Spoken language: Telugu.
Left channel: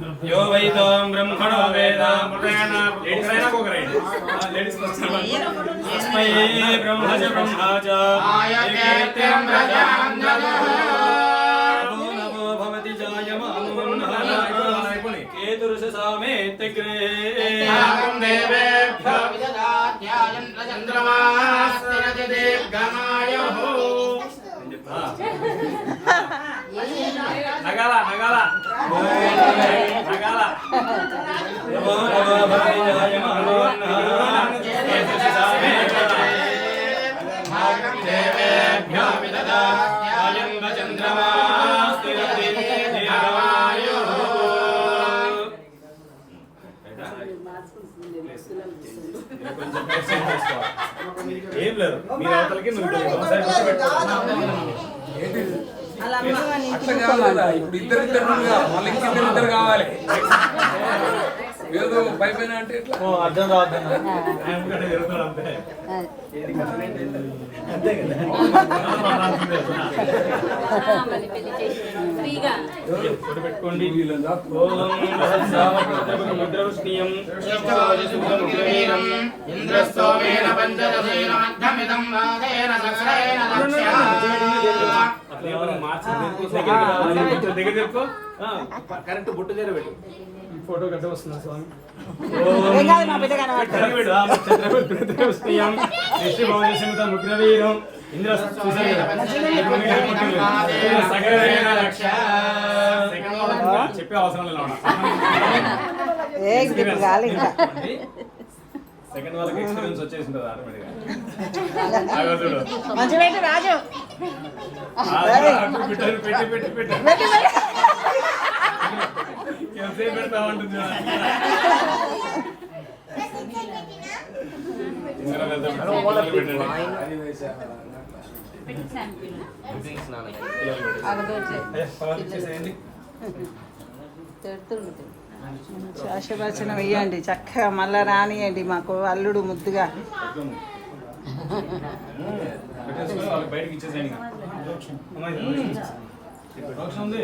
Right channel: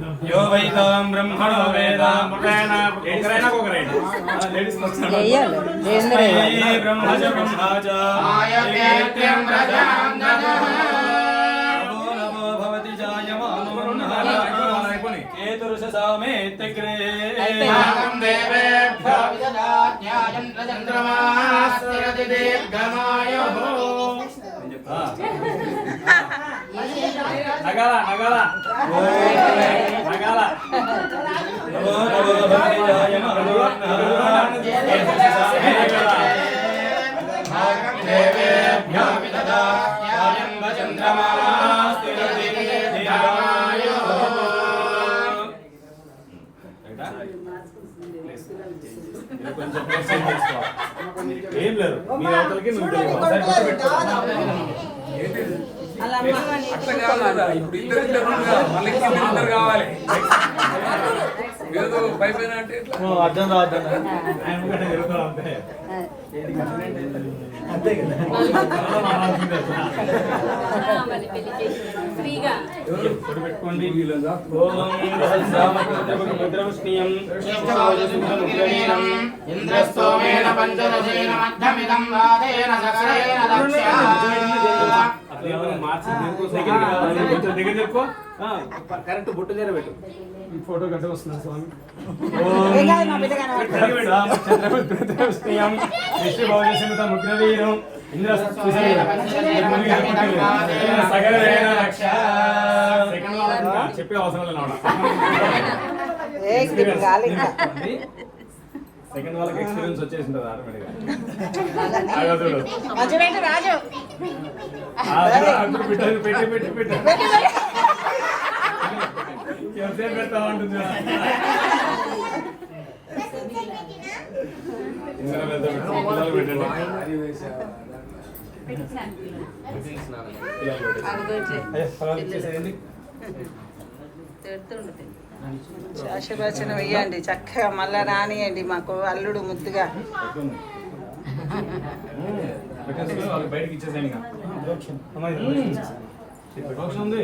यो वैतां ब्रह्मणो वेद लेडीज ब्रह्मज ब्रह्माच आयतेत्यं रजां नमो भवति जायमानो केतुर्षसामेत्यग्रे देवेभ्यो विददाज्ञायन्त्र चन्द्रमास्तिरति दीर्घमायुः नगाला नगाला नगाला नमो नमो भवति जायमानो देवेभ्यो विददाज्ञायन्त्र चन्द्रमास्तिरति दीर्घमायुः ఏం లేదు మీ అవతలకి నువ్వు ఇప్పుడు ఇద్దరు కావాలి పైపైన అంటే అర్థం రాదు అంతే కదా పెట్టుకోండి కరెక్ట్ బుట్ట చేర పెట్టు ఫోటో గట్ట వస్తుంది స్వామి ముగ్రవీరం ఇంద్ర చెప్పే అవసరం లేదు సెకండ్ వాళ్ళకి ఎక్స్పీరియన్స్ వచ్చేసి ఉంటుంది ఆటోమేటిక్గా పెట్టి పెట్టి పెట్టి ఎంతసేపు పెడతా ఉంటుంది ఆశీర్వచనం ఇవ్వండి చక్కగా మళ్ళా రానియండి మాకు అల్లుడు ముద్దుగా బయటకి ఇచ్చేసేయండి ఉంది